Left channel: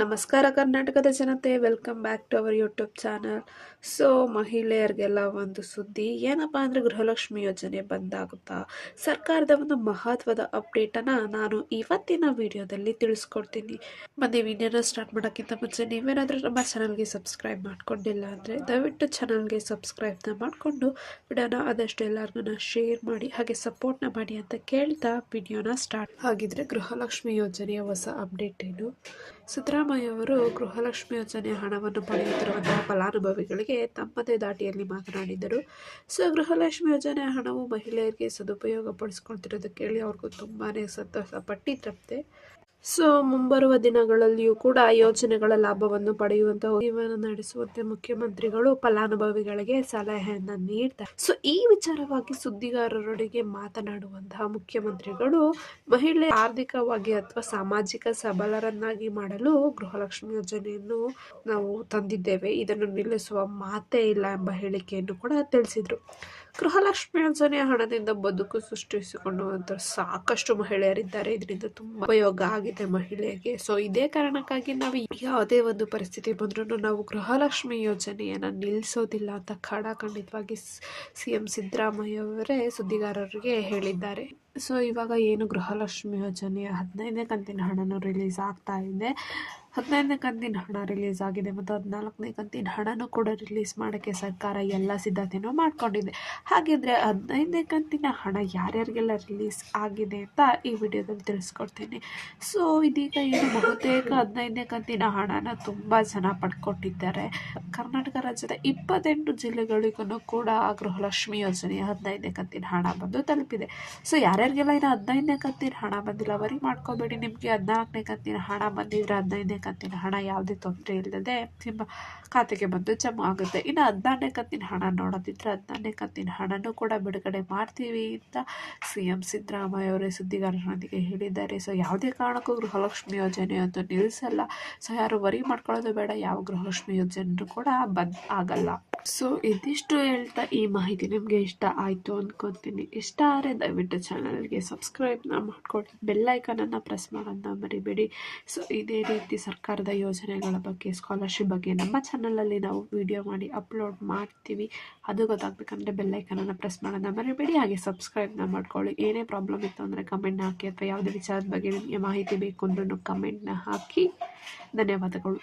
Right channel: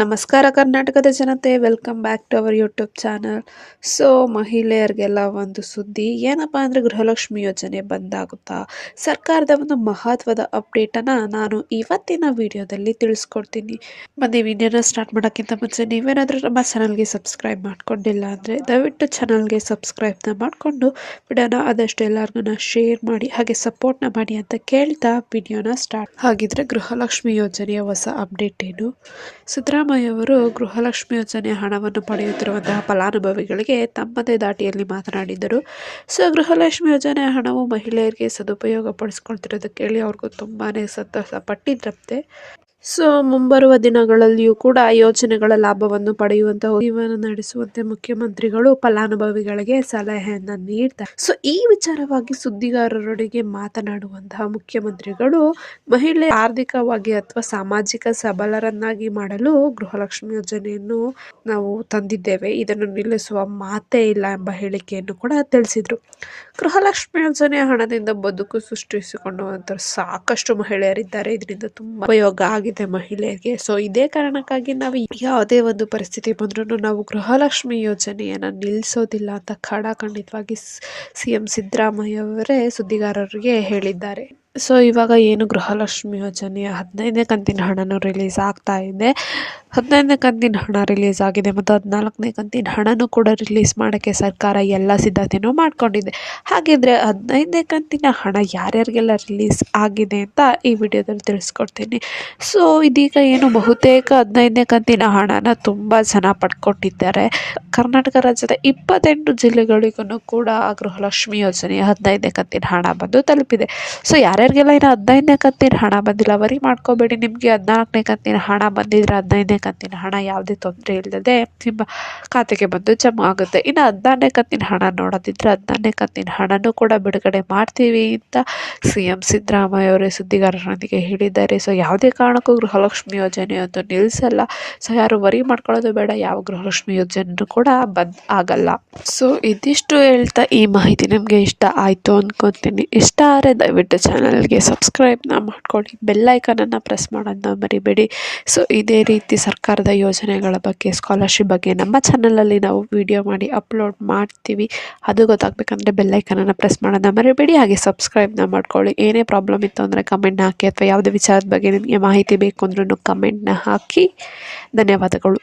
ನಮಸ್ಕಾರ ಕರ್ನಾಟಕದ ಜನತೆ, welcome back to our YouTube channel. So ಮಹಿಳೆಯರಿಗೆಲ್ಲ ಒಂದು ಸುದ್ದಿ ಏನಪ್ಪ ಅಂದರೆ ಗೃಹಲಕ್ಷ್ಮಿ ಯೋಜನೆ ಬಂದಾಗುತ್ತಾ ಸರ್ಕಾರದ ಒಂದು ಮಹತ್ವದ ಅಪ್ಡೇಟನ್ನು ನಾನು ಇವತ್ತಿನ ವಿಡಿಯೋದಲ್ಲಿ ತಿಳಿಸ್ಕೊಡ್ತೀನಿ. ಬನ್ನಿ ವಿಡಿಯೋನ ಸ್ಟಾರ್ಟ್ ಮಾಡೋಕ್ಕಿಂತ ಮುಂಚೆ ನೀವೇನಾದರೂ ನಮ್ಮ ಚಾನಲ್ಗೆ ಸಬ್ಸ್ಕ್ರೈಬ್ ಮಾಡ್ಕೊಂಡಿಲ್ಲ ಅಂದರೆ ದಯವಿಟ್ಟು ಚಾನಲ್ಗೆ ಸಬ್ಸ್ಕ್ರೈಬ್ನ ಮಾಡಿಕೊಂಡು ವಿಡಿಯೋನ ಆದಷ್ಟು ಎಲ್ಲರಿಗೂ ಶೇರ್ ಮಾಡಿ ಹಾಗೆ ಸಪೋರ್ಟ್ನ ಮಾಡಿ ಅಂತ ಕೇಳ್ತಾ ವಿಡಿಯೋನ ಸ್ಟಾರ್ಟ್. ಹಾಗಿದ್ರೆ ಗೃಹಲಕ್ಷ್ಮಿ ಯೋಜನೆಯ ಹೊಸ ಅಪ್ಡೇಟ್ ಏನು? ಸಿದ್ದರಾಮಯ್ಯ ಅವರು ಗೃಹಲಕ್ಷ್ಮಿ ಯೋಜನೆ ಹಣವನ್ನು ಪಡೆಯುತ್ತಿರುವಂತಹ ಫಲಾನುಭವಿಗಳಿಗೆ ತಮ್ಮದೇ ದಾಟಿಯಲ್ಲಿ ಮಾತನಾಡಿದರು. ಸೊ ಗೃಹಲಕ್ಷ್ಮಿ ಯೋಜನೆ ಹಣವು ಮಹಿಳೆಯರಿಗೆ ಸದುಪಯೋಗ ಪಡಿಸ್ಕೊಳ್ತಿರೋದಕ್ಕೆ ಹೇಳಿ ಅವ್ರಿಗೂ ತುಂಬಾ ಸಂತೋಷ ಪಟ್ಟಿದ್ರಂತೆ. ಸೊ ಮುಂಬರುವ ದಿನಗಳಲ್ಲಿಯೂ ಕೂಡ ಯೋಜನೆಗಳ ಲಾಭವನ್ನು ಪಡೆಯುವಂತಹ ಜೀವನ ನಡೆಸುವಂತೆ ಮುಖ್ಯಮಂತ್ರಿಗಳು ಫಲಾನುಭವಿಗಳಿಗೆ ಸಲಹೆಯನ್ನ ನೀಡ್ತಾರೆ. ಸೊ ಈ ವಿಚಾರವಾಗಿ ಸುದ್ದಿಗಾರರೊಂದಿಗೆ ಮಾತನಾಡುವಂತಹ ಮುಖ್ಯಮಂತ್ರಿಗಳು ಮಹಿಳೆ ಆರ್ಥಿಕವಾಗಿ ಅಥವಾ ಸಾಮಾಜಿಕ ಸಬಲರನ್ನಾಗಿ ಮಾಡಲು ಗೃಹಲಕ್ಷ್ಮಿ ಯೋಜನೆಯನ್ನು ನಾವು ತಂದಿದ್ದೇವೆ, ಇದನ್ನು ನಿಲ್ಲಿಸುವ ಮಾತೇ ಇಲ್ಲ ಎಂಬ ಹೇಳಿಕೆಯನ್ನು ಕೂಡ ತಿಳಿಸಿದ್ರು. ಗೃಹಲಕ್ಷ್ಮಿ ಯೋಜನೆಯ ಹಣದಿಂದ ಬದುಕು ಸೃಷ್ಟಿಸಿಕೊಳ್ಳುವಂತ ಸಾಕಷ್ಟು ಮಹಿಳೆಯರಿದ್ದಾರೆ. ಇದರಿಂದ ತುಂಬಾ ಉಪಯೋಗ ಆಗಿದೆ ಮಹಿಳೆಯರಿಗೆ. ಸೊ ಇದೇ ಕಾರಣಕ್ಕಾಗಿ ನಾವು ಯಾವುದೇ ಒಂದು ಪರಿಸ್ಥಿತಿ ಬಂದ್ರೂ ನಾವು ಗೃಹಲಕ್ಷ್ಮಿ ಯೋಜನೆಯನ್ನು ನಿಲ್ಲಿಸೋದಿಲ್ಲ ಅಂತ ಖಡಾಖಂಡಿತವಾಗಿ CM ಸಿದ್ದರಾಮಯ್ಯ ಅವರೇ ಸುದ್ದಿಗಾರರಿಗೆ ಹೇಳಿದ್ದಾರೆ. ಸೊ ಇವಾಗ ಏನು ಗೃಹಲಕ್ಷ್ಮಿ ಯೋಜನೆಯ 15ನೇ ಕಂತಿನ ಹಣನೂ ರಿಲೀಸ್ ಆಗ್ತಾ ಇದೆ. 15ನೇ ಕಂತಿನ ಹಣ ರಿಲೀಸ್ ಆಗಿದೆ ಮತ್ತು 14ನೇ ಕಂತಿನ ಹಣನೂ ಕೂಡ ರಿಲೀಸ್ ಮಾಡೋಕ್ಕೆ ಸರ್ಕಾರ ಎಲ್ಲ ಸಿದ್ಧತೆಯೂ ಮಾಡ್ಕೊಂಡಿದೆ. ಹಾಗಿದ್ರೆ 15ನೇ ಕಂತಿನ ಹಣ ಯಾರ್ಯಾರಿಗೆಲ್ಲ ರಿಲೀಸ್ ಆಗಿದೆ ಅಂತ ಈ ವಿಡಿಯೋದಲ್ಲಿ ತಿಳಿಸ್ಕೊಡ್ತೀನಿ. ಸೊ ಇದೀಗ ಏನು ಬಹುತೇಕ 15ನೇ ಕಂತಿನ ಹಣನ ತುಂಬ ಜನ ಪಡ್ಕೊಟ್ಟಿದ್ದಾರೆ. ಕರ್ನಾಟಕ ರಾಜ್ಯದ 28 ಜಿಲ್ಲೆಗಳಿಗೂ ಕೂಡ ಗೃಹಲಕ್ಷ್ಮಿ ಯೋಜನೆಯ 15ನೇ ಕಂತಿನ ಹಣ ಬಂದು ತಲುಪಿದೆ. ಸೊ ಯಾರ್ಯಾರಿಗೆಲ್ಲ ಇನ್ನು 15ನೇ ಕಂತಿನ ಹಣ ಬಂದಿಲ್ಲ ವರಿ ಮಾಡ್ಕೋಬೇಡಿ. ನಿಮಗೆ 14ನೇ ಕಂತಿನ ಹಣ ಬಂದಿದ್ರೆ 15ನೇ ಕಂತಿನ ಹಣ ಯಾವುದೇ ತೊಂದರೆ ಇಲ್ಲದೆ ನಿಮ್ಮ ಖಾತೆಗೆ ಬಂದು ಜಮಾ ಆಗುತ್ತೆ. ಇನ್ನು 16ನೇ ಕಂತಿನ ಹಣ ನೋಡೋದಿದ್ರೆ 16ನೇ ಕಂತಿನ ಹಣನೂ ಕೂಡ ಬಿಡುಗಡೆ ಮಾಡ್ತೀವಿ ಅಂತ CM ಸಿದ್ದರಾಮಯ್ಯ ಅವರೇ ಸುದ್ದಿಗಾರರೊಂದಿಗೆ ಹೇಳಿದ್ದಾರೆ. ಸೊ ಯಾವುದೇ ಕಾರಣಕ್ಕೂ ಗೃಹಲಕ್ಷ್ಮಿ ಯೋಜನೆಯೊಂದು ನಿಲ್ಲಿಸಲ್ಲ. ಸೊ ಯಾರು ವರಿ ಮಾಡ್ಕೊಳ್ಳೋದು ಬೇಡ, ಯಾವ ಗೃಹಲಕ್ಷ್ಮಿ ಯೋಜನೆಯೂ ಕೂಡ ಬಂದ್ ಆಗಲ್ಲ. ಸೊ ಇದಿಷ್ಟು ಹೇಳ್ತಾ ಈ ಮಾಹಿತಿ ನಿಮಗೆ ಇಷ್ಟ ಆಯಿತು ಅಂದ್ಕೊತೀನಿ. ಇಷ್ಟ ಆದರೆ ದಯವಿಟ್ಟು ಚಾನಲ್ಗೆ ಸಬ್ಸ್ಕ್ರೈಬ್ನ ಮಾಡ್ಕೊಳ್ಳಿ, ಬೆಲ್ ಐಕಾನನ್ನು ಪ್ರೆಸ್ ಮಾಡೋದನ್ನ ಮರಿಬೇಡಿ. ಸೊ ಇದೇ ರೀತಿ ಸರ್ಕಾರದ ಯೋಜನೆಗಳ ಬಗ್ಗೆ, ಸ್ಕಾಲರ್ಶಿಪ್ ಬಗ್ಗೆ ನಮ್ಮ ಚಾನಲಲ್ಲಿ ನಾವು ವಿಡಿಯೋ ಮಾಡಿ ಅಪ್ಲೋಡ್ ಮಾಡ್ತೀವಿ. ಅದು ಗೊತ್ತಾಗಬೇಕಂದ್ರೆ ಬೆಲ್ ಐಕಾನನ್ನು ಪ್ರೆಸ್ ಮಾಡೋದನ್ನ ಮರಿಬೇಡಿ. ಹಾಗೆ ಸಬ್ಸ್ಕ್ರೈಬ್ನ ಮಾಡ್ಕೊಳ್ಳಿ. ಏನೇ ಪ್ರಾಬ್ಲಮ್ ಇತ್ತು ಅಂದರೆ ಕಮೆಂಟ್ನ ಹಾಕಿ, ಅಥವಾ ಯಾವುದೇ ವಿಚಾರದ ಬಗ್ಗೆ ನಿಮಗೆ ಮಾಹಿತಿ ಬೇಕು ಅಂದ್ರೂ ಕಮೆಂಟ್ನ ಹಾಕಿ. ಧನ್ಯವಾದಗಳು.